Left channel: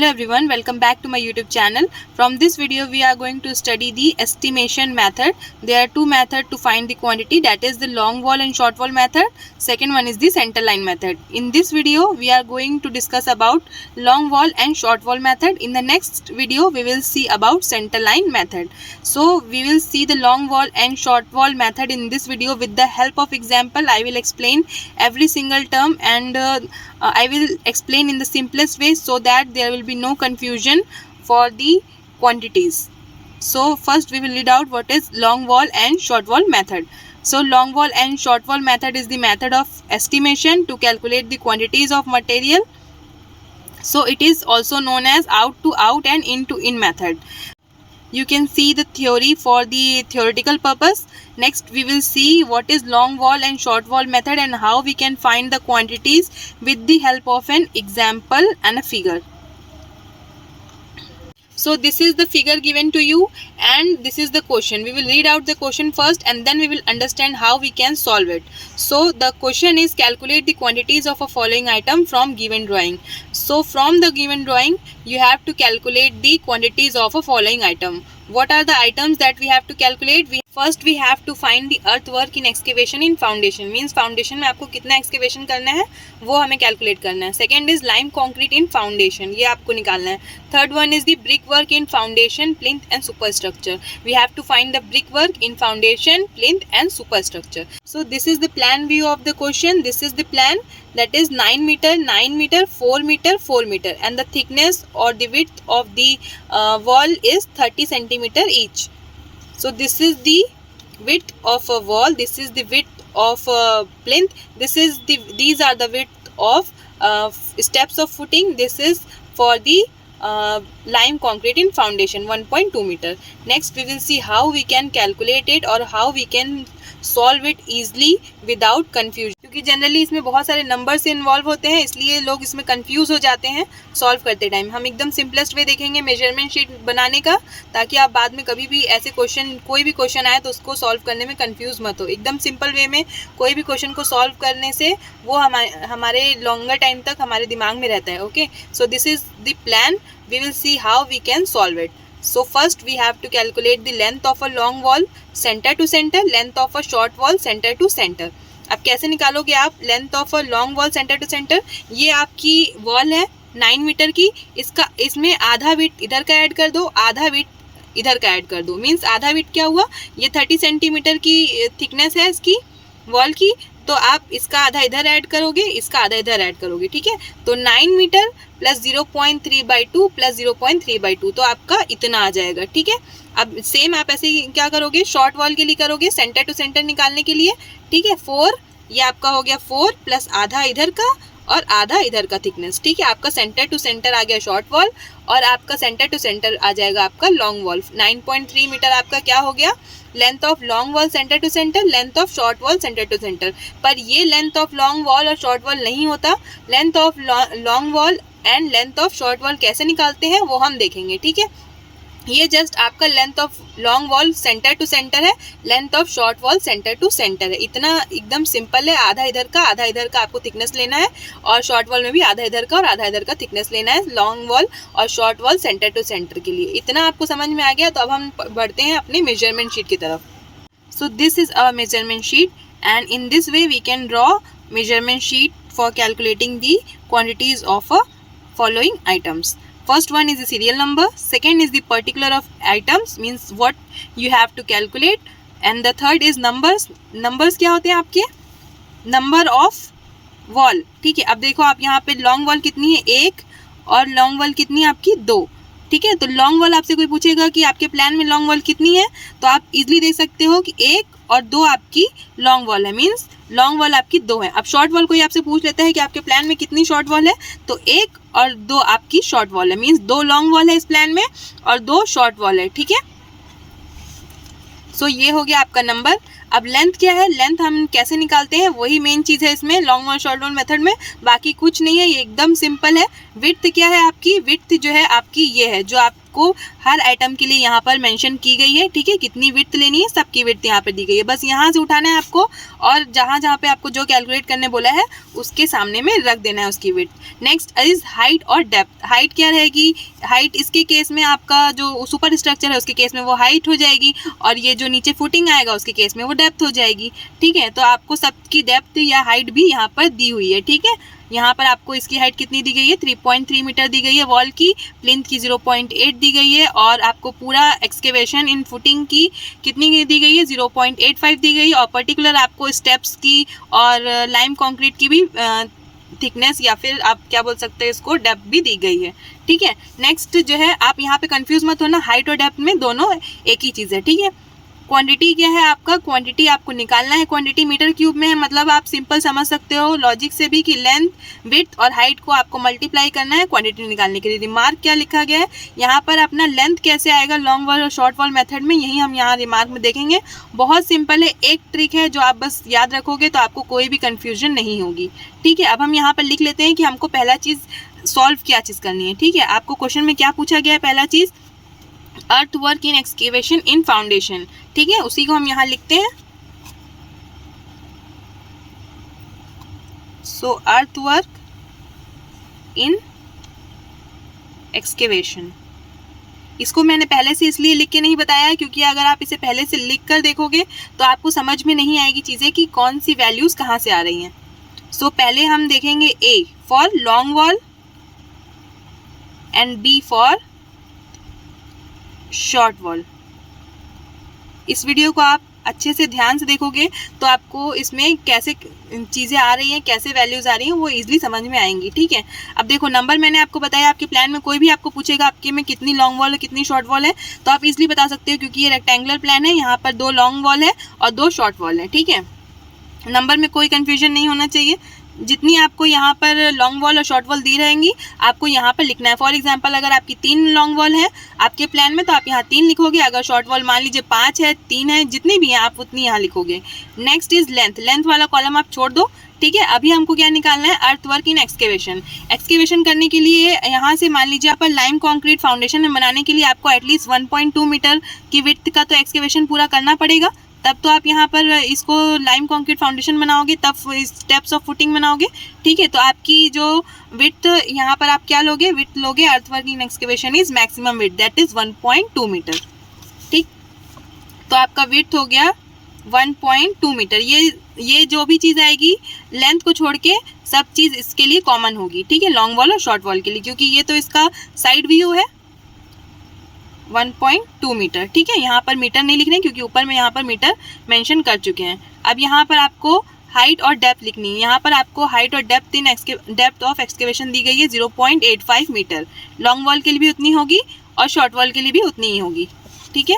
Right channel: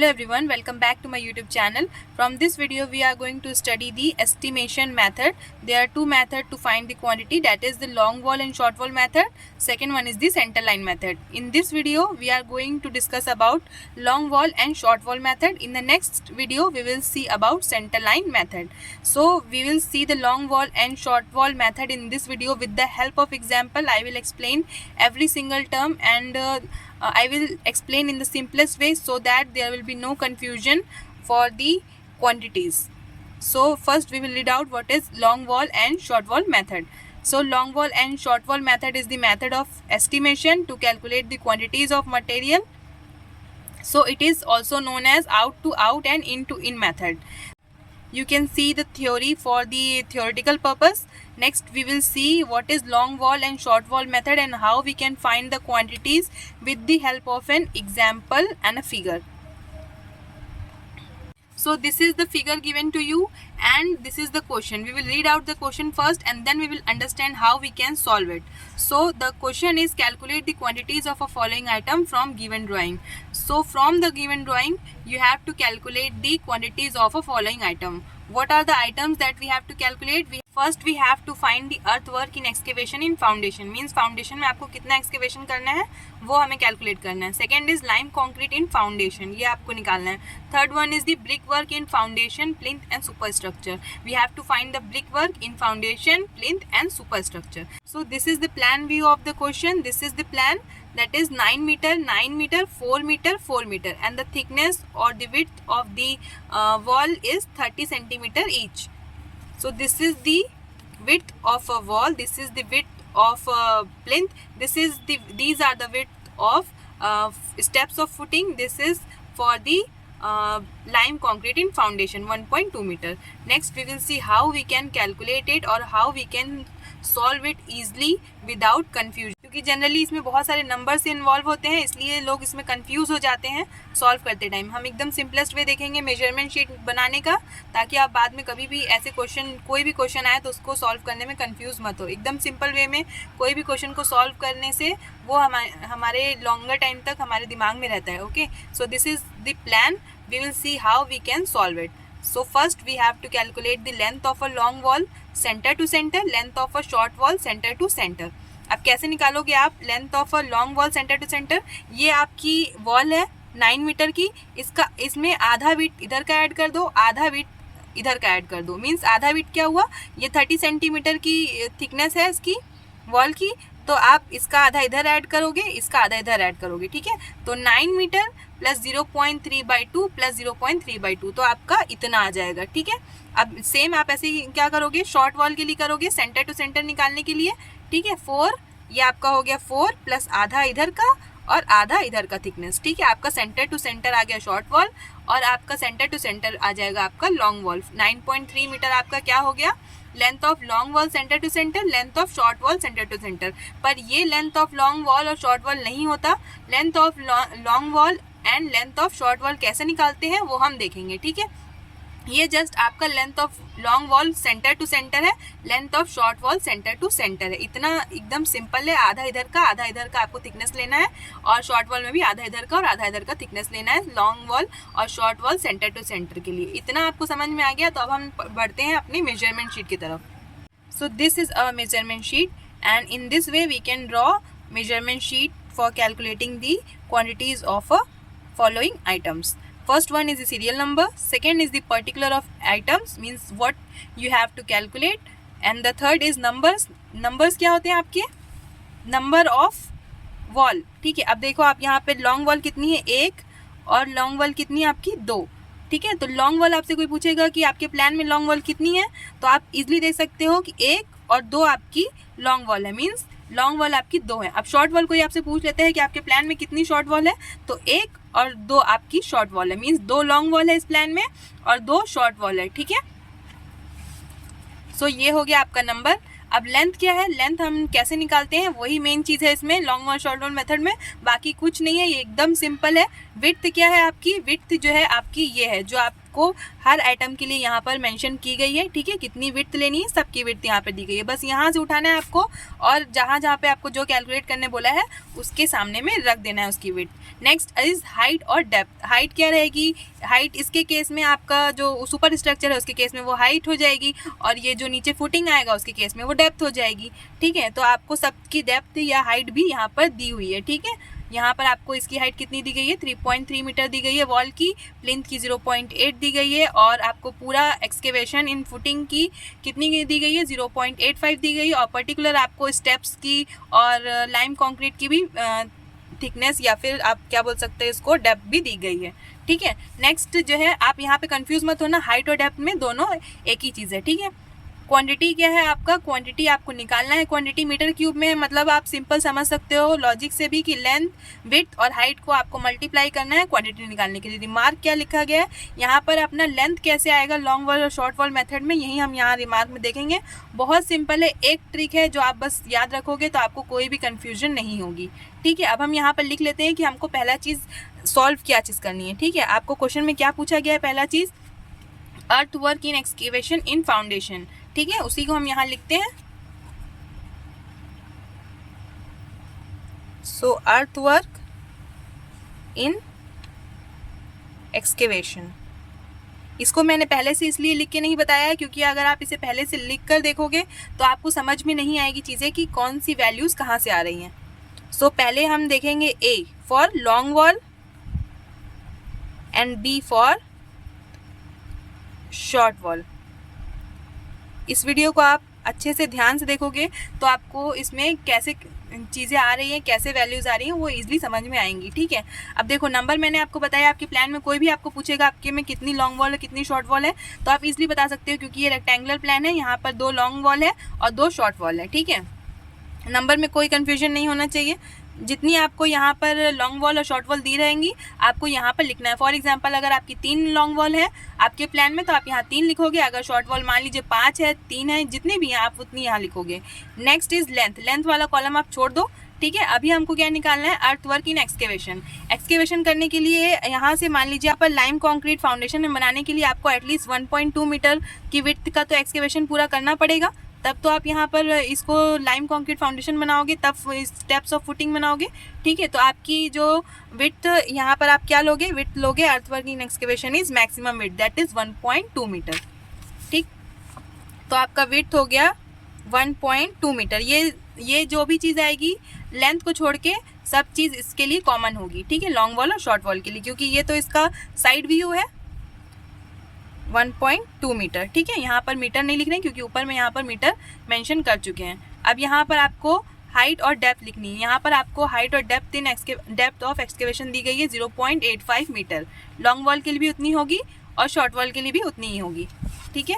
Hello everyone, welcome back to my YouTube channel. From this video we are going to study the estimation method. There are two methods to find the quantity, that is the long wall and short wall method. Second one is the center line method. In this video we are going to discuss about long wall and short wall method. In the next video we will see about center line method. So we will see the long wall and short wall method in this video with the help of example. I will explain every single term and I will explain in the simplest way so that there will be no confusion for the quantities. So first we will read out what is long wall and short wall method. So long wall and short wall method is the method of estimation to calculate the quantities of material. So it is also known as out to out and in to in method. You can see the theory for the theoretical purpose. Next we will see what is long wall and short wall method and how we can find the quantities with the help of an example and a figure. So this is the figure given to you and this is the question. We will read out the question first and then we will understand how we can solve it. So the question is calculate the quantities of a following item from given drawing. So from the given drawing you have to calculate the quantities of a following item. What are the items that we have to calculate? First we have to find the earthwork in excavation in foundation. Means foundation में आपको कितना excavation करना है वो हमें calculate करना है. Second is lime concrete in foundation, ये आपको निकालना है. Third one is the brickwork in foundation, plinth and superstructure. We have to find the brickwork in foundation, plinth and superstructure. So this is the plan view of the question. This is the plan, that is 9 meter, 9 meter, 4 meter, 4 meter, and the thickness or the width of the wall is 30 centimeter each. So this is the width of a wall, this is the width of a plinth, these are the width of steps of footing. This is for the lime concrete in foundation 1.2 meter. Next we will see how we can calculate it or how we can solve it easily without confusion. क्योंकि generally इसमें बहुत सारे number से involve होते हैं इसलिए लोग इसमें कंफ्यूज हो जाते हैं सॉल्व करते टाइम. हम एकदम सिंपलेस्ट वे देखेंगे मेजरमेंट शीट बनाने का, ताकि आप बाद में कभी भी ऐसे क्वेश्चन कोई भी क्वेश्चन आए तो उसको सॉल्व करने में कंफ्यूज मत हो. एकदम सिंपल वे में कोई भी क्वेश्चन को सॉल्व करने से वो हमारे लॉन्गर टाइम तक हमारे दिमाग में रहता है. Okay, so this is the plan. We will see how we can solve it. So first we have to calculate the length of a long wall center to center, length of a short wall center to center. अब कैसे निकालोगे आप length of a long wall centre to centre? ये आपकी wall है 9 metre की, इसमें आधा विड्थ इधर का ऐड कर दो, आधा विड्थ इधर का ऐड कर दो. मीन्स आधा विड्थ क्या हुआ, ये 30 सेंटीमीटर की थिकनेस है इसकी वॉल की, तो आप इसका आधा इधर ऐड करोगे, इसका आधा इधर ऐड करोगे. ठीक है, तो 9 मीटर प्लस 0.3/2 प्लस 0.3/2 तो आपका इतना आ जाएगा. ठीक है, अब सेम आप ऐसे ही क्या करोगे, शॉर्ट वॉल के लिए करोगे सेंटर टू सेंटर निकालने के लिए. ठीक है, 4 ये आपका हो गया 4 प्लस आधा इधर का और आधा इधर का थिकनेस. ठीक है, आपका सेंटर टू सेंटर आ गया शॉर्ट वॉल और आपका सेंटर टू सेंटर आ जाएगा आपका लॉन्ग वॉल. 9.3 मीटर आपका क्या हो गया, length of long wall centre to centre, length of short wall centre to centre. पर ये लेंथ ऑफ लॉन्ग वॉल और शॉर्ट वॉल नहीं होता. Length of long wall and length of short wall कैसे निकालते हैं वो हम देखेंगे. ठीक है, ये जस्ट आपका length of long wall centre to centre है, length of short wall centre to centre है. इतना एकदम सिंपल है. आधा इधर का आधा इधर का आपको थिकनेस लेना है और शॉर्ट वॉल में भी आधा इधर का और आधा इधर का थिकनेस लेना है लॉन्ग वॉल और short wall centre to centre के लिए. इतना आपको समझ में आ गया. तो अब हम बढ़ते हैं अपने मेजरमेंट शीट की तरफ. So this is a measurement sheet and in this way we can draw measurement sheet for calculating the quantities of a following items. First one is the serial number, second is the particular of items, means what you have to calculate, and the third is numbers. numbers क्या होते हैं आपके, number of wall. ठीक है, अब देखो आप यहाँ पे लॉन्ग वॉल कितनी है 1 और लॉन्ग वॉल कितनी है आपकी 2. ठीक है, तो लॉन्ग वॉल आपसे कोई पूछेगा कि आपके प्लान में लॉन्ग वॉल कितनी है तो आप इजीली देख सकते हो कि 1 और 2 आपकी लॉन्ग वॉल है. मींस लॉन्ग वॉल आपकी 2 है. अब शॉर्ट वॉल कोई आपसे पूछ लेता है कि आपके प्लान में कितनी शॉर्ट वॉल है तो 1 और 2 आपकी शॉर्ट वॉल है. मींस 2 लॉन्ग वॉल है इस प्लान में और 2 शॉर्ट वॉल है. ठीक है, सो ये हो गया आपका नंबर. अब लेंथ क्या है, लेंथ हम कैसे निकालते हैं वही मेन चीज़ है इसमें long wall short wall method में, बाकी कुछ नहीं है. ये एकदम सिंपल है. विड्थ क्या है आपकी, विड्थ जो है आपकी ये है जो आपको हर आइटम के लिए यहाँ पर मेंशन की गई है, ठीक है। कितनी विड्थ लेनी है, सबकी विड्थ यहाँ पर दी गई है, बस यहाँ से उठाना है आपको और जहाँ जहाँ पे आपको जो कैलकुलेट करने बोला है उसके सामने में रख देना है उसकी विड्थ। नेक्स्ट इज हाइट और डेप्थ। हाइट क्या रहेगी, हाइट इसके केस में आपका जो सुपर स्ट्रक्चर है उसके केस में वो हाइट हो जाएगी और ये जो नीचे फुटिंग आएगा उसके केस में वो डेप्थ हो जाएगी, ठीक है। तो आपको सबकी डेप्थ या हाइट भी यहाँ पर दी हुई है, ठीक है। यहाँ पर आपको इसकी हाइट कितनी दी गई है, 3.3 मीटर दी गई है वॉल की, प्लिंथ की 0.8 दी गई है और आपको पूरा एक्सकेवेशन इन फुटिंग की कितनी दी गई है, 0.85 दी गई है और पर्टिकुलर आपको स्टेप्स की और लाइम कंक्रीट की भी थिकनेस या फिर आप क्या बोल सकते हैं इसको, डेप्थ भी दी गई है, ठीक है। नेक्स्ट जो है आप यहाँ पे कंफ्यूज मत होना, हाइट और डेप्थ में दोनों एक ही चीज़ है, ठीक है। क्वांटिटी क्या है आपका, क्वांटिटी आपको निकालना है, क्वांटिटी मीटर क्यूब में है, मतलब आप सिंपल समझ सकते हो लॉजिक से भी कि लेंथ, विड्थ और हाइट को आपको मल्टीप्लाई करना है क्वांटिटी निकालने के लिए। रिमार्क क्या लिखा गया है यहाँ पर, अपना लेंथ कैसे आएगा लॉन्ग वॉल और शॉर्ट वॉल मेथड में, यही हम यहाँ रिमार्क में देखेंगे। बहुत सिंपल है, एक ट्रिक है जो आप बस याद रखोगे तो आपको कोई भी कन्फ्यूजन नहीं होगी, ठीक है। अब हम यहाँ पर लिख लेते हैं कि हमको पहला चीज़ सॉल्व क्या चीज़ करनी है, ठीक है। आपको क्वेश्चन में क्या पूछा गया है, पहला चीज़ earth work in excavation in foundation, ठीक है, उसी को हम यहाँ लिखते हैं। सो अर्थ वर्क इन एक्सकेवेशन, इसको मैंने पहले से इसलिए लिख के नहीं बताया है क्योंकि अगर आप इसे पहले से लिख कर देखोगे तो आपको समझ में नहीं आएगी चीज़ें कि कौन सी वैल्यूज़ कहाँ से आ रही हैं। सो पहले हम देखेंगे A for long wall and B for short wall. इस वीडियो को आप अच्छे से ध्यान से देखोगे तो आपको इसमें कैसे चीज़ें आ रही हैं, कैसे वैल्यूज़ आ रही हैं वो इजीली समझ में आएंगी, ठीक है। अब देखो नंबर मैंने आपको बताया, आपके प्लान में कोई भी आपको पूछेगा आपके में कितनी लॉन्ग वॉल है कितनी शॉर्ट वॉल है तो आप इजीली बता सकते हो क्योंकि ये रेक्टेंगुलर प्लान है, यहाँ पर 2 लॉन्ग वॉल है और 2 शॉर्ट वॉल है, ठीक है। नंबर में कोई कन्फ्यूजन नहीं होना चाहिए, जितनी आपको यहाँ पर लॉन्ग वॉल और शॉर्ट वॉल दी रहेंगी आपको यहाँ पर लिखना है। फॉर एग्जांपल अगर आपकी 3 लॉन्ग वॉल है आपके प्लान में तो आप यहाँ 3 लिखोगे, अगर शॉर्ट वॉल मान लीजिए 5 है 3 है जितनी भी हैं आप उतनी यहाँ लिखोगे। नेक्स्ट इज लेंथ, लेंथ वाला कॉलम आप छोड़ दो, ठीक है। अभी हमको क्या निकालना है, अर्थ वर्क इन एक्सकेवेशन। एक्सकेवेशन करने के लिए यहाँ से मान लीजिए आप लाइम कॉन्क्रीट फाउंडेशन बनाने के लिए आपको एटलीस्ट 1.2 मीटर की विड्थ का तो एक्सकेवेशन पूरा करना पड़ेगा, तब तो आप यहाँ पर इसको लाइम कंक्रीट फाउंडेशन बनाओगे, तब स्टेप्स ऑफ फुटिंग बनाओगे, ठीक है। तो आपकी जो विड्थ यहाँ पर आप क्या लोगे, विड्थ लोगे earthwork in excavation is maximum width that is 1.2 metre, ठीक। तो आपका विड्थ हो गया 1.2 मीटर। ये जो भी चीज़ आएगी लेंथ को छोड़ के सब चीज़ इसके लिए कॉमन होगी, ठीक है, लॉन्ग वॉल और शॉर्ट वॉल के लिए, क्योंकि ये तो इसका साइड व्यू है 1.2 मीटर, ठीक है। यहाँ पर मीटर नहीं लिख रहे हैं क्योंकि ऊपर में यहाँ पर मीटर मेंशन कर चुके हैं। अब यहाँ पर आपको हाइट और डेप्थ लिखनी है, यहाँ पर आपको हाइट और डेप्थ ऑफ एक्सकेवेशन दी गई है 0.85 मीटर, लॉन्ग वॉल के लिए भी उतनी होगी और शॉर्ट वॉल के लिए भी उतनी ही होगी, ठीक है।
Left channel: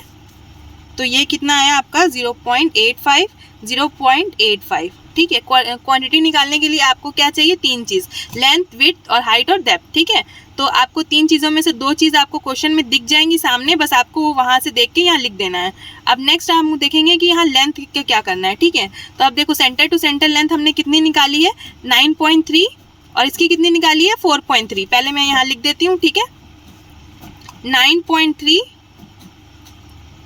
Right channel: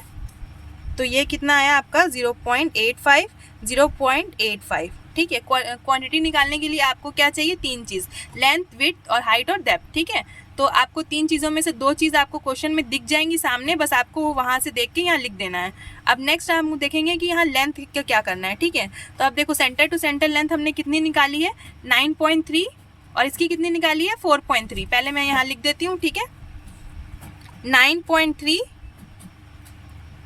तो ये कितना आया आपका 0.85, ठीक है। क्वांटिटी निकालने के लिए आपको क्या चाहिए, 3 चीज़, लेंथ, विड्थ और हाइट और डेप्थ, ठीक है। तो आपको 3 चीज़ों में से 2 चीज़ आपको क्वेश्चन में दिख जाएंगी सामने, बस आपको वहाँ से देख के यहाँ लिख देना है। अब नेक्स्ट हम देखेंगे कि यहाँ लेंथ का क्या करना है, ठीक है। तो अब देखो सेंटर टू सेंटर लेंथ हमने कितनी निकाली है 9.3 और इसकी कितनी निकाली है 4.3। पहले मैं यहाँ लिख देती हूँ, ठीक है, 9.3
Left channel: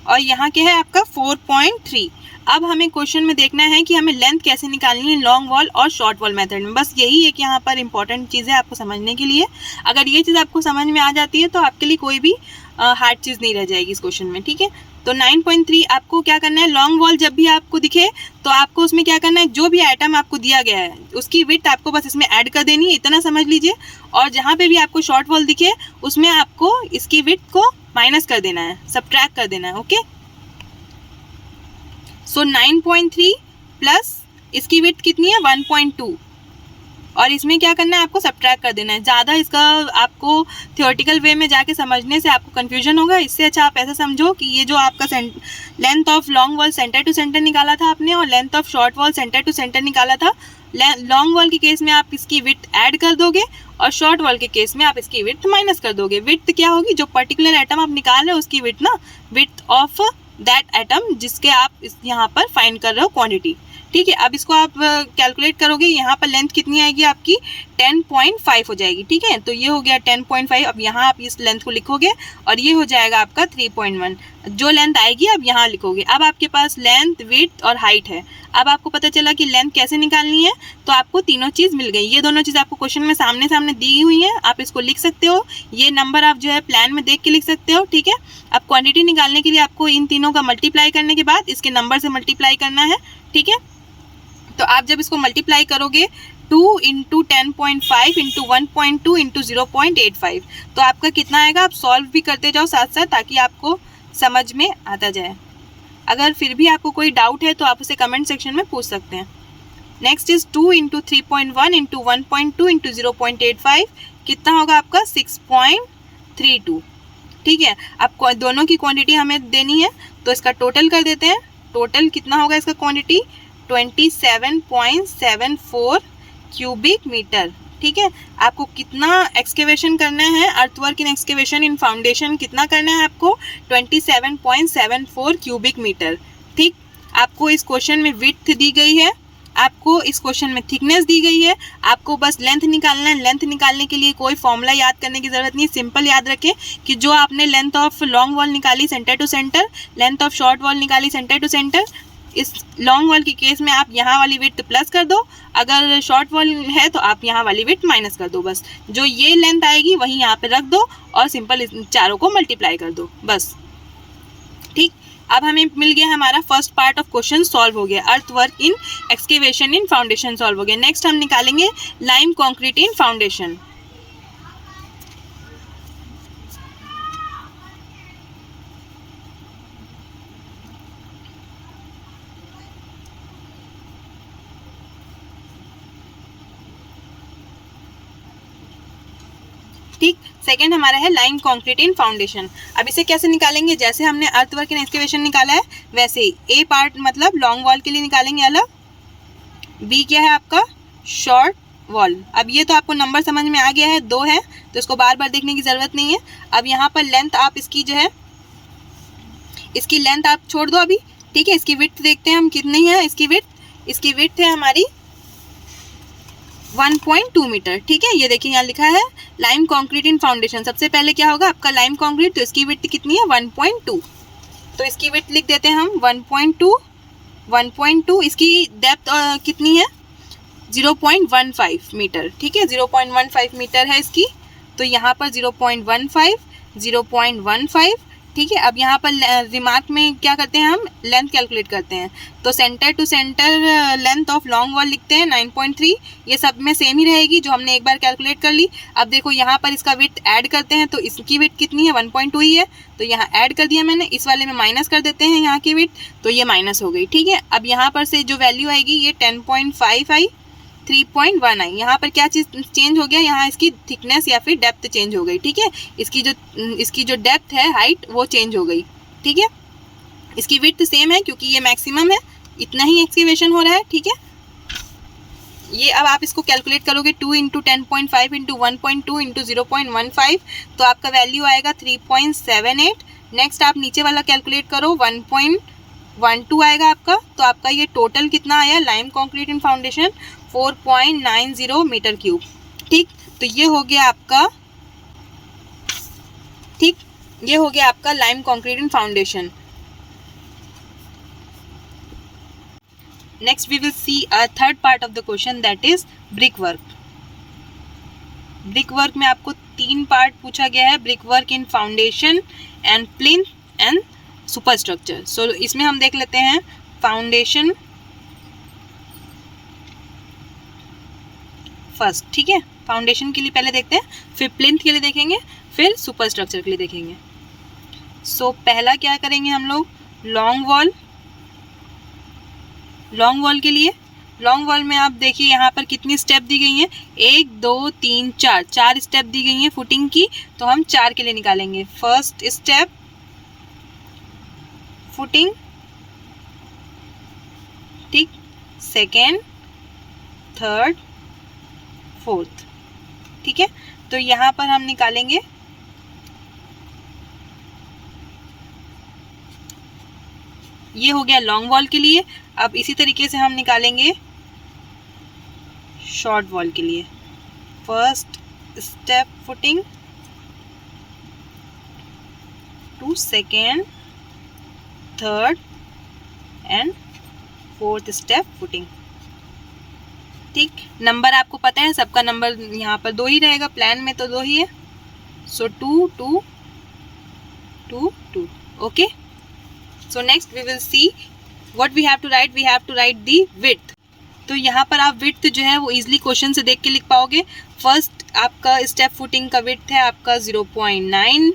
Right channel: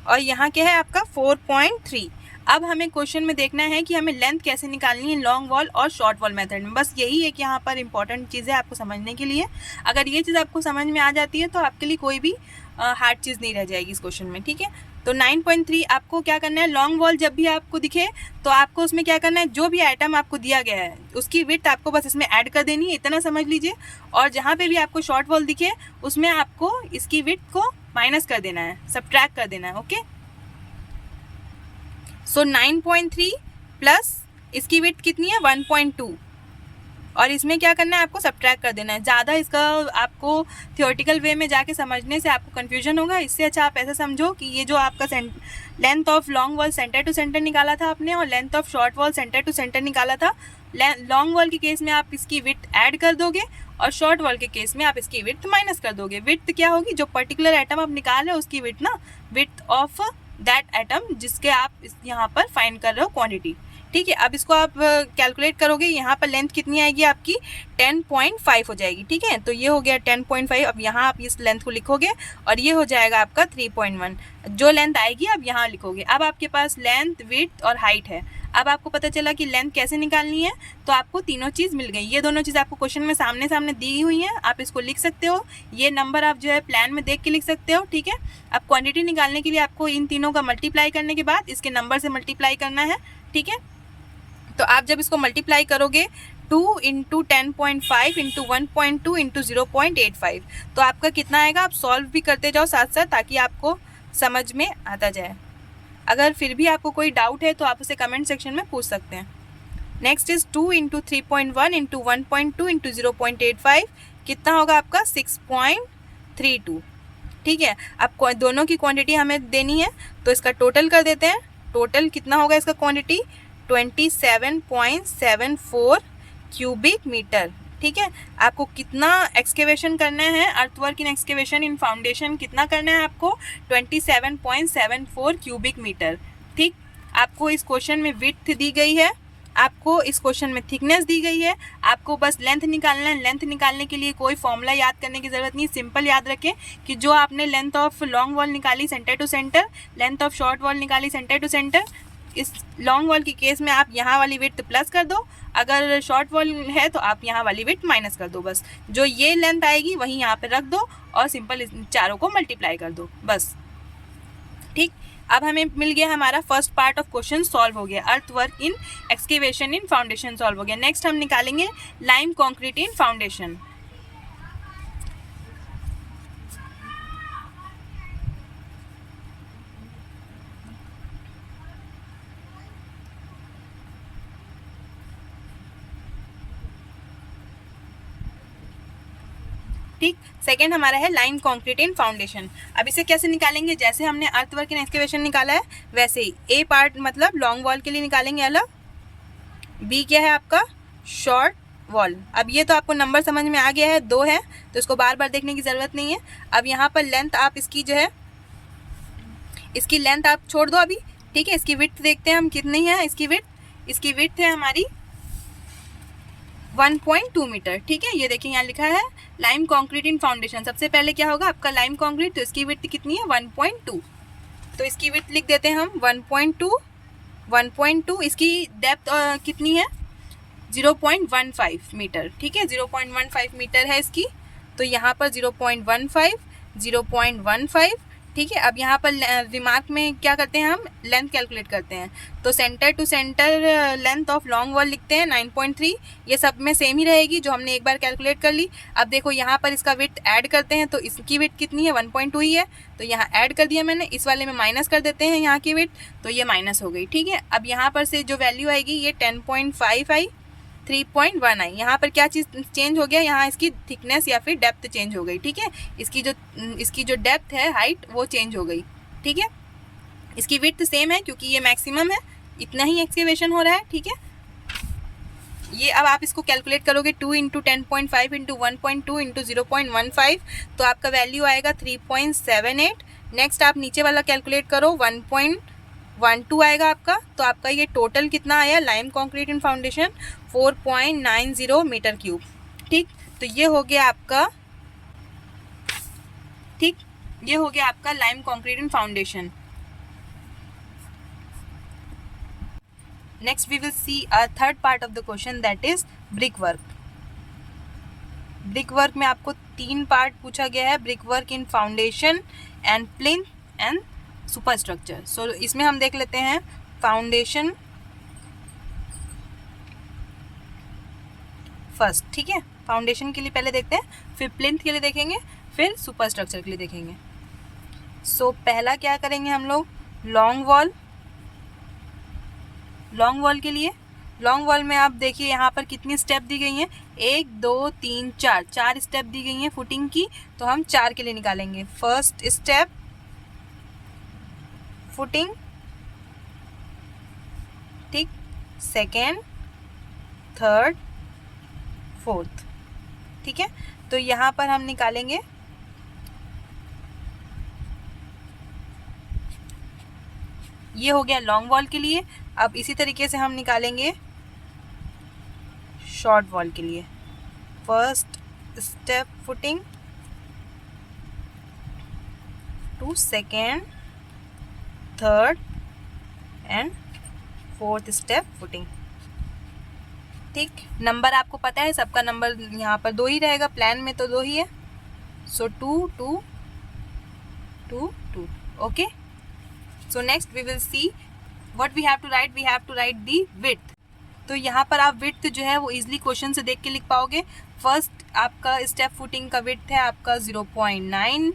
और यहाँ क्या है आपका 4.3। अब हमें क्वेश्चन में देखना है कि हमें लेंथ कैसे निकालनी है लॉन्ग वॉल और शॉर्ट वॉल मेथड में, बस यही एक यहाँ पर इंपॉर्टेंट चीज़ है आपको समझने के लिए। अगर ये चीज़ आपको समझ में आ जाती है तो आपके लिए कोई भी हार्ड चीज़ नहीं रह जाएगी इस क्वेश्चन में, ठीक है। तो 9.3 आपको क्या करना है, लॉन्ग वॉल जब भी आपको दिखे तो आपको उसमें क्या करना है, जो भी आइटम आपको दिया गया है उसकी विड्थ आपको बस इसमें ऐड कर देनी है, इतना समझ लीजिए। और जहाँ पे भी आपको शॉर्ट वॉल दिखे उसमें आपको इसकी विड्थ को माइनस कर देना है, सब्ट्रैक्ट कर देना है, ओके। सो 9.3 प्लस इसकी विड्थ कितनी है 1.2 और इसमें क्या करना है आपको सब्ट्रैक्ट कर देना है। ज़्यादा इसका आपको थियोरेटिकल वे में जाके समझने से आपको कन्फ्यूजन होगा, इससे अच्छा आप ऐसा समझो कि ये जो आपका length of long wall centre to centre निकाला था आपने और length of short wall centre to centre निकाला था, लॉन्ग वॉल के केस में आप इसकी विड्थ ऐड कर दोगे और शॉर्ट वॉल के केस में आप इसकी विड्थ माइनस कर दोगे। विड्थ क्या होगी, जो पर्टिकुलर आइटम आप निकाल रहे हो उसकी विड्थ ना, विड्थ ऑफ दैट आइटम जिसके आप यहाँ पर फाइंड कर रहे हो क्वांटिटी, ठीक ठीक है। अब इसको आप कैलकुलेट करोगे, यहाँ पर लेंथ कितनी आएगी आपकी 10.5 हो जाएगी। ठीक है, तो ये हो गया 10.5। अब यहाँ आप इस लेंथ को लिखोगे और ये हो जाएगा आपका 3.1। जो लेंथ आएगी अब यहाँ लिखोगे। अब आपके पास लेंथ, विड्थ और हाइट है। अब आपको पता चला कि लेंथ कैसे निकालनी है, तो आपको तीनों चीज़ मिल गई। ये दोनों चीज़ आपको क्वेश्चन में सामने सामने दी हुई है, आप इसको लिख सकते हो। ये नंबर आप जो है प्लान में देख के लिख सकते हो। ठीक है, अब क्वांटिटी निकालने के लिए आपको इन तीनों का मल्टीप्लाई करने के बाद इसके नंबर से मल्टीप्लाई करना है। ठीक है, तो आप जब इसको मल्टीप्लाई करोगे 2 × 10.5 × 1.2 × 0.85, तो आपका कितना आएगा। आप सॉल्व भी करते जाओ साथ साथ, ताकि आपको समझ में आता जाए। अगर फिर भी आपको कोई डाउट है तो आप उसे कमेंट सेक्शन में पूछ सकते हैं। नेक्स्ट इज 2 × 3.1 × 1.2 × 0.85, कितना होगा आपका 6.32। ठीक है, अब दोनों की क्वांटिटी हमें देनी है, तो इसका टोटल कर देते हैं। टोटल कितना होगा इसका क्वांटिटी 27.74 क्यूबिक मीटर। ठीक है, आपको कितना एक्सकेवेशन करना है, earthwork in excavation in foundation कितना करना है आपको 27.74 क्यूबिक मीटर। ठीक, आपको इस क्वेश्चन में विड्थ दी गई है, आपको इस क्वेश्चन में थिकनेस दी गई है, आपको बस लेंथ निकालना है। लेंथ निकालने के लिए कोई फॉर्मूला याद करने की ज़रूरत नहीं, सिंपल याद रखें कि जो आपने लेंथ ऑफ लॉन्ग वॉल निकाली centre to centre, length of short wall निकाली सेंटर टू सेंटर, इस लॉन्ग वॉल की केस में आप यहाँ वाली विड्थ प्लस कर दो, अगर शॉर्ट वॉल है तो आप यहाँ वाली विड्थ माइनस कर दो। बस जो ये लेंथ आएगी वहीं यहाँ पे रख दो और सिंपल चारों को मल्टीप्लाई कर दो बस। ठीक, अब हमें मिल गया हमारा first part of question solve हो गया। अर्थ work in excavation in foundation solve हो गया। नेक्स्ट हम निकालेंगे लाइम कंक्रीट इन फाउंडेशन। ठीक, सेकेंड हमारा है लाइम कंक्रीट इन फाउंडेशन। अब इसे कैसे निकालेंगे, जैसे हमने अर्थवर्क इन एक्सकेवेशन निकाला है वैसे ही ए पार्ट मतलब लॉन्ग वॉल के लिए निकालेंगे अलग, बी क्या है आपका शॉर्ट वॉल। अब ये तो आपको नंबर समझ में आ गया है, 2 है तो इसको बार बार देखने की ज़रूरत नहीं है। अब यहाँ पर लेंथ आप इसकी जो है, इसकी लेंथ आप छोड़ दो अभी। ठीक है, इसकी विड्थ देखते हैं हम कितनी है। इसकी विड्थ है हमारी 1.2 मीटर। ठीक है, ये देखिए यहाँ लिखा है लाइम कंक्रीट इन फाउंडेशन। सबसे पहले क्या होगा आपका लाइम कंक्रीट, तो इसकी विड्थ कितनी है 1.2, तो इसकी विड्थ लिख देते हैं हम 1.2। इसकी डेप्थ कितनी है 0.15 मीटर। ठीक है, 0.15 मीटर है इसकी, तो यहाँ पर 0.15। ठीक है, अब यहाँ पर रिमार्क में क्या करते हैं हम लेंथ कैलकुलेट करते हैं, तो centre to centre length of long wall लिखते हैं 9.3। ये सब में सेम ही रहेगी जो हमने एक बार कैलकुलेट कर ली। अब देखो यहाँ पर इसका विड्थ ऐड करते हैं, तो इसकी विड्थ कितनी है 1.2 ही है, तो यहाँ ऐड कर दिया मैंने। इस वाले में माइनस कर देते हैं यहाँ की विड्थ, तो ये माइनस हो गई। ठीक है, अब यहाँ पर से जो वैल्यू आएगी ये 10.5 आई, 3.1 आई। यहाँ पर क्या चीज़ चेंज हो गया, यहाँ इसकी थिकनेस या फिर डेप्थ चेंज हो गई। ठीक है, इसकी जो डेप्थ है हाइट वो चेंज हो गई। ठीक है, इसकी विड्थ सेम है क्योंकि ये मैक्सिमम है, इतना ही एक्सकेवेशन हो रहा है। ठीक है, ये अब आप इसको कैलकुलेट करोगे 2 × 10.5 × 1.2 × 0.15, तो आपका वैल्यू आएगा 3.78। नेक्स्ट आप नीचे वाला कैलकुलेट करो 1.12 आएगा आपका, तो आपका ये टोटल कितना आया lime concrete in foundation 4.90 metre cube. ठीक, तो ये हो गया आपका, ठीक, ये हो गया आपका lime concrete in foundation. Next we will see a third part of the question that is brick work. Brick work में आपको 3 पार्ट पूछा गया है, brick work in foundation and plinth and super structure. So इसमें हम देख लेते हैं फाउंडेशन फर्स्ट। ठीक है, फाउंडेशन के लिए पहले देखते हैं, फिर प्लिंथ के लिए देखेंगे, फिर सुपर स्ट्रक्चर के लिए देखेंगे। सो पहला क्या करेंगे हम लोग, लॉन्ग वॉल के लिए। लॉन्ग वॉल में आप देखिए यहाँ पर कितनी स्टेप दी गई हैं, 1 2 3 4 स्टेप दी गई हैं फुटिंग की, तो हम 4 के लिए निकालेंगे। फर्स्ट स्टेप फुटिंग, ठीक, सेकेंड, थर्ड, फोर्थ। ठीक है, तो यहाँ पर हम निकालेंगे ये हो गया लॉन्ग वॉल के लिए। अब इसी तरीके से हम निकालेंगे शॉर्ट वॉल के लिए। First step footing to second, third and fourth step footing. ठीक, नंबर आपको पता है सबका नंबर यहाँ पर 2 ही रहेगा, प्लान में तो 2 ही है। So 2 2 2 2। Okay, so next we will see what we have to write. We have to write the width. तो यहाँ पर आप विड्थ जो है वो इजीली क्वेश्चन से देख के लिख पाओगे। फर्स्ट आपका स्टेप फुटिंग का विड्थ है आपका 0.9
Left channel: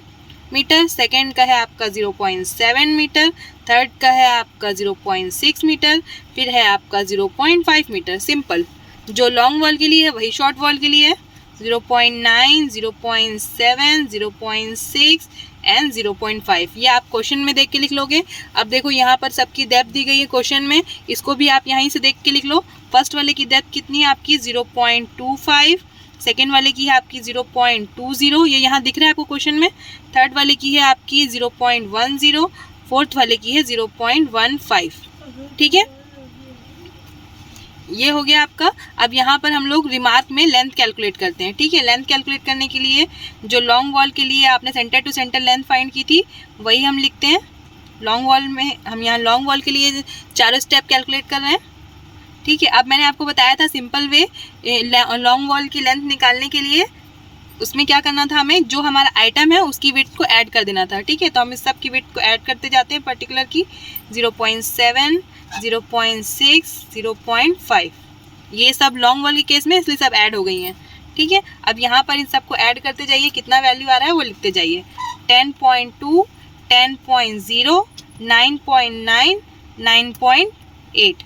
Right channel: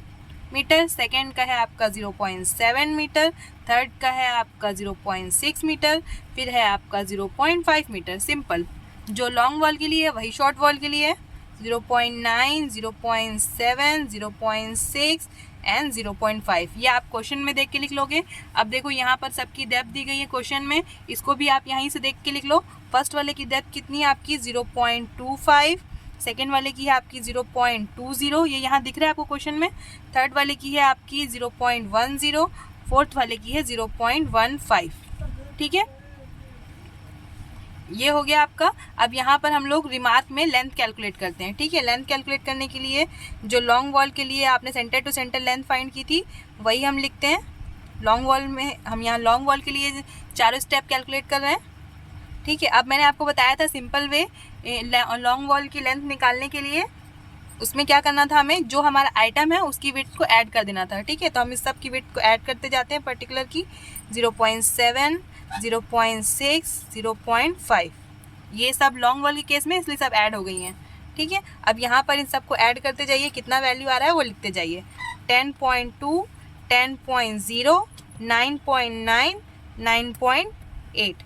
मीटर, सेकेंड का है आपका 0.7 मीटर, थर्ड का है आपका 0.6 मीटर, फिर है आपका 0.5 मीटर। सिंपल, जो लॉन्ग वॉल के लिए है वही शॉर्ट वॉल के लिए है। 0.9, 0.7, 0.6 एंड 0.5। ये आप क्वेश्चन में देख के लिख लोगे। अब देखो यहाँ पर सबकी डेप्थ दी गई है क्वेश्चन में, इसको भी आप यहीं से देख के लिख लो। फर्स्ट वाले की डेप्थ कितनी है आपकी 0.25, सेकेंड वाले की है आपकी 0.20, ये यहाँ दिख रहा है आपको क्वेश्चन में। थर्ड वाले की है आपकी 0.10, फोर्थ वाले की है 0.15। ठीक है, ये हो गया आपका। अब यहाँ पर हम लोग रिमार्क में लेंथ कैलकुलेट करते हैं। ठीक है, लेंथ कैलकुलेट करने के लिए जो लॉन्ग वॉल के लिए आपने centre to centre length find की थी वही हम लिखते हैं। लॉन्ग वॉल में हम यहाँ लॉन्ग वॉल के लिए चारों स्टेप कैलकुलेट कर रहे हैं। ठीक है, अब मैंने आपको बताया था सिंपल वे लॉन्ग वॉल की लेंथ निकालने के लिए। उसमें क्या करना था, हमें जो हमारा आइटम है उसकी विड्थ को ऐड कर देना था। ठीक है, तो हम इस सब की विड्थ को ऐड करते जाते हैं। पर्टिकुलर की 0.7, 0.6, 0.5, ये सब लॉन्ग वॉल के केस में इसलिए सब ऐड हो गई हैं। ठीक है, अब यहाँ पर इन सबको ऐड करते जाइए, कितना वैल्यू आ रहा है वो लिखते जाइए। 10.2, 10.0, 9.9, 9.8,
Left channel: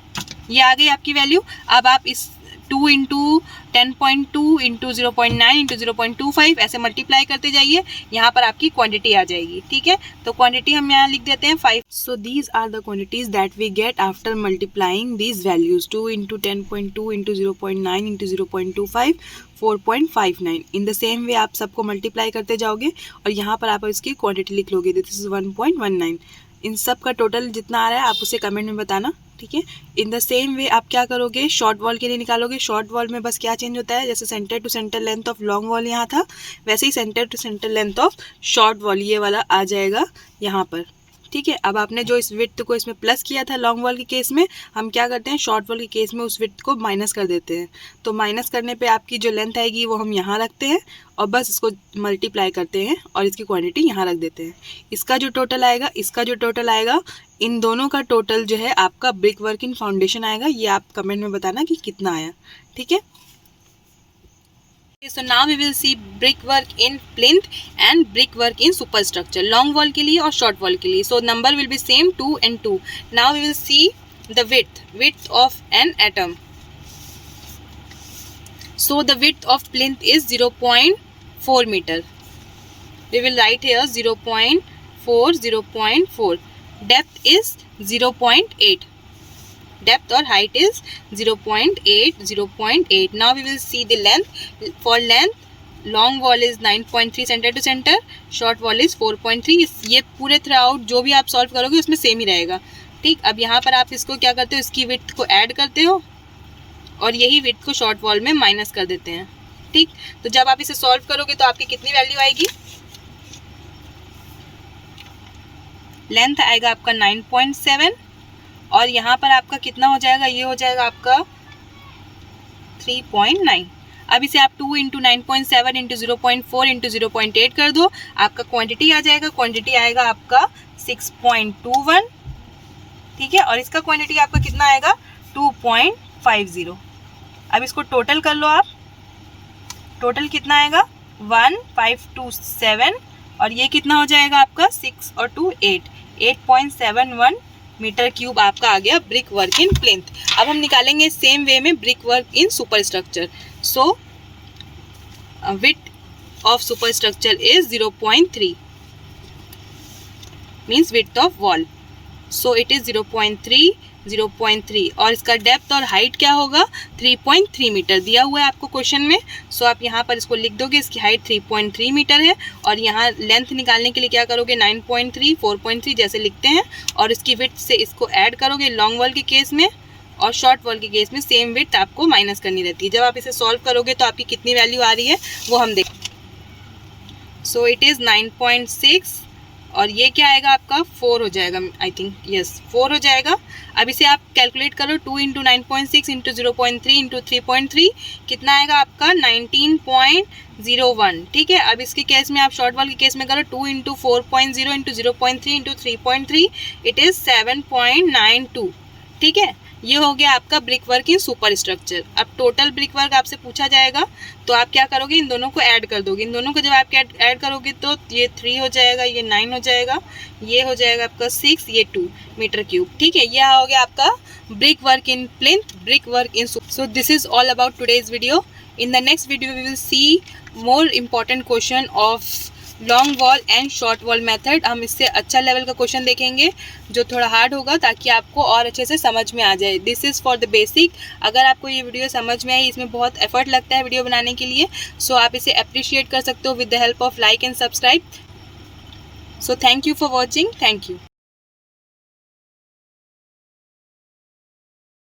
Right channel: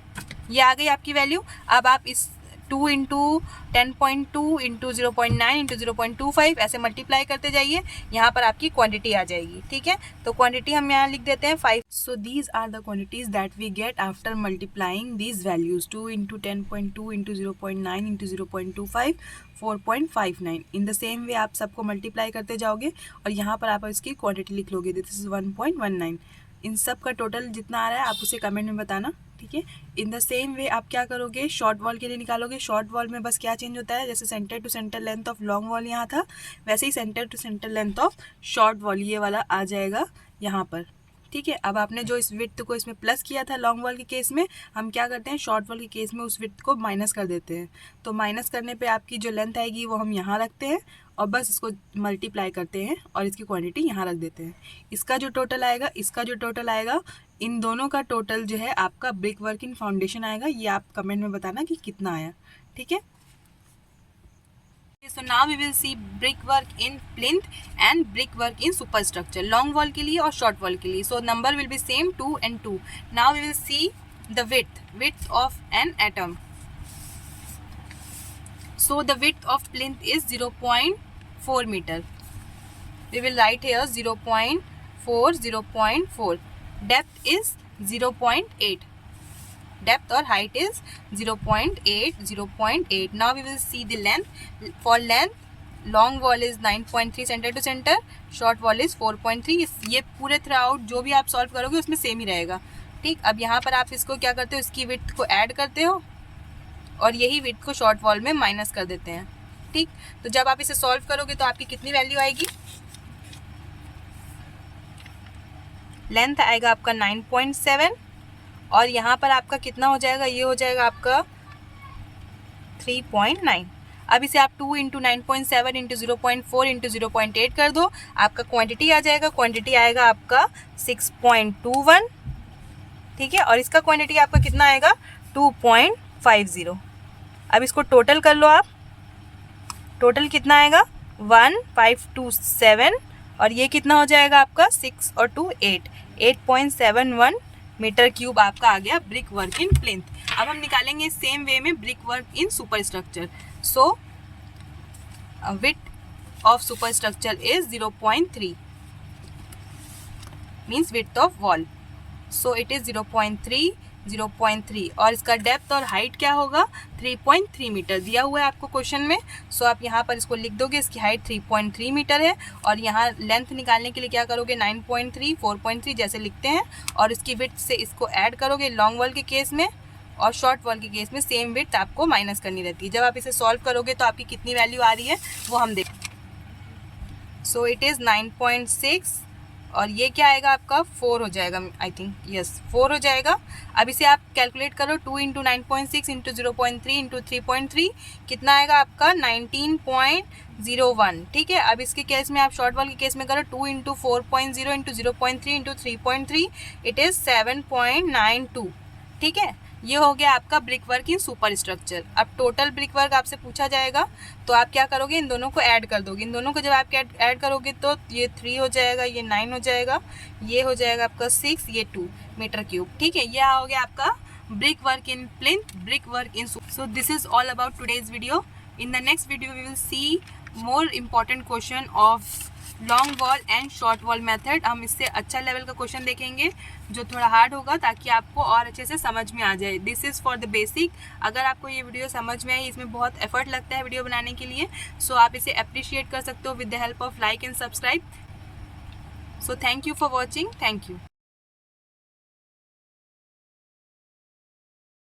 ये आ गई आपकी वैल्यू। अब आप इस 2 इंटू 10.2 इंटू 0.9 इंटू 0.25 ऐसे मल्टीप्लाई करते जाइए, यहाँ पर आपकी क्वांटिटी आ जाएगी। ठीक है, तो क्वांटिटी हम यहाँ लिख देते हैं 5। So these are the quantities that we get after multiplying these values. 2 into 10.2 into 0.9 into 0.25, 4.59। In the same way आप सबको मल्टीप्लाई करते जाओगे और यहाँ पर आप इसकी क्वांटिटी लिख लोगे। This is 1.19। इन सब का टोटल जितना आ रहा है आप उसे कमेंट में बताना। ठीक है, इन द सेम वे आप क्या करोगे, शॉर्ट वॉल के लिए निकालोगे। शॉर्ट वॉल में बस क्या चेंज होता है, जैसे centre to centre length of long wall यहाँ था, वैसे ही centre to centre length of short wall ये वाला आ जाएगा यहाँ पर। ठीक है, अब आपने जो इस विड्थ को इसमें प्लस किया था लॉन्ग वॉल के केस में, हम क्या करते हैं शॉर्ट वॉल के केस में उस विड्थ को माइनस कर देते हैं। तो माइनस करने पे आपकी जो लेंथ आएगी वो हम यहाँ रखते हैं और बस इसको मल्टीप्लाई करते हैं और इसकी क्वांटिटी यहाँ रख देते हैं। इसका जो टोटल आएगा, इसका जो टोटल आएगा, इन दोनों का टोटल जो है आपका ब्रिक वर्क इन फाउंडेशन आएगा। ये आप कमेंट में बताना कि कितना आया। ठीक है, so now we will see brickwork in plinth and brickwork in superstructure, long wall के लिए और short wall के लिए। so number will be same 2 and 2. now we will see the width of an atom. so the width of plinth is 0.4 meter. we will write here 0.4, 0.4. depth is 0.8. depth or height is 0.8, 0.8. now we will see the length. for length, long wall is 9.3 center to center, short wall is 4.3. ये पूरे through out जो भी आप solve करोगे उसमें same ही रहेगा। ठीक, अब यहाँ पर आप इसको क्या करते हो, इसकी विड्थ को ऐड करते हो और यही विड्थ को शॉर्ट वॉल में माइनस कर देते हैं। ठीक, तो जब आप इसे सॉल्व करोगे तो आपकी कितनी वैल्यू आएगी, लेंथ आएगा आपका 9.7 और यहाँ पर आपका कितना हो जाएगा, ये हो जाएगा आपका 3.9। अब इसे आप 2 इंटू 9.7 इंटू 0.4 इंटू 0.8 कर दो, आपका क्वांटिटी आ जाएगा। क्वांटिटी आएगा आपका 6.21। ठीक है, और इसका क्वांटिटी आपका कितना आएगा 2.50। अब इसको टोटल कर लो आप, टोटल कितना आएगा 1527 और ये कितना हो जाएगा आपका 6 और 2 8, 8.71 मीटर क्यूब आपका आ गया ब्रिक वर्क इन प्लिंथ। अब हम निकालेंगे सेम वे में brick work in super structure. So width of super structure is 0.3, means width of wall. So it is 0.3, 0.3 और इसका डेप्थ और हाइट क्या होगा 3.3 मीटर दिया हुआ है आपको क्वेश्चन में। सो आप यहाँ पर इसको लिख दोगे, इसकी हाइट 3.3 मीटर है और यहाँ लेंथ निकालने के लिए क्या करोगे 9.3 4.3 जैसे लिखते हैं और इसकी विड्थ से इसको ऐड करोगे लॉन्ग वॉल के केस में और शॉर्ट वॉल के केस में सेम विड्थ आपको माइनस करनी रहती है। जब आप इसे सॉल्व करोगे तो आपकी कितनी वैल्यू आ रही है वो हम देख। सो इट इज़ 9.6 और ये क्या आएगा आपका 4 हो जाएगा, आई थिंक यस 4 हो जाएगा। अब इसे आप कैलकुलेट करो 2 इंटू 9.6 इंटू 0.3 इंटू 3.3 कितना आएगा आपका 19.01। ठीक है, अब इसके केस में आप शॉर्ट वॉल के केस में करो 2 into 4.0 into 0.3 into 3.3 it is 7.92। ठीक है, ये हो गया आपका ब्रिक वर्क इन सुपर स्ट्रक्चर। अब टोटल ब्रिक वर्क आपसे पूछा जाएगा तो आप क्या करोगे, इन दोनों को ऐड कर दोगे। इन दोनों को जब आप ऐड करोगे तो ये 3 हो जाएगा, ये 9 हो जाएगा, ये हो जाएगा आपका 6, ये 2 मीटर क्यूब। ठीक है, यह हो गया आपका brick work in plinth, brick work in. So this is all about today's video. In the next video we will see more important question of long wall and short wall method. हम इससे अच्छा level का question देखेंगे जो थोड़ा hard होगा ताकि आपको और अच्छे से समझ में आ जाए। This is for the basic. अगर आपको ये वीडियो समझ में आई, इसमें बहुत एफर्ट लगता है वीडियो बनाने के लिए, सो आप इसे अप्रिशिएट कर सकते हो with the help of like and subscribe. So thank you for watching, thank you.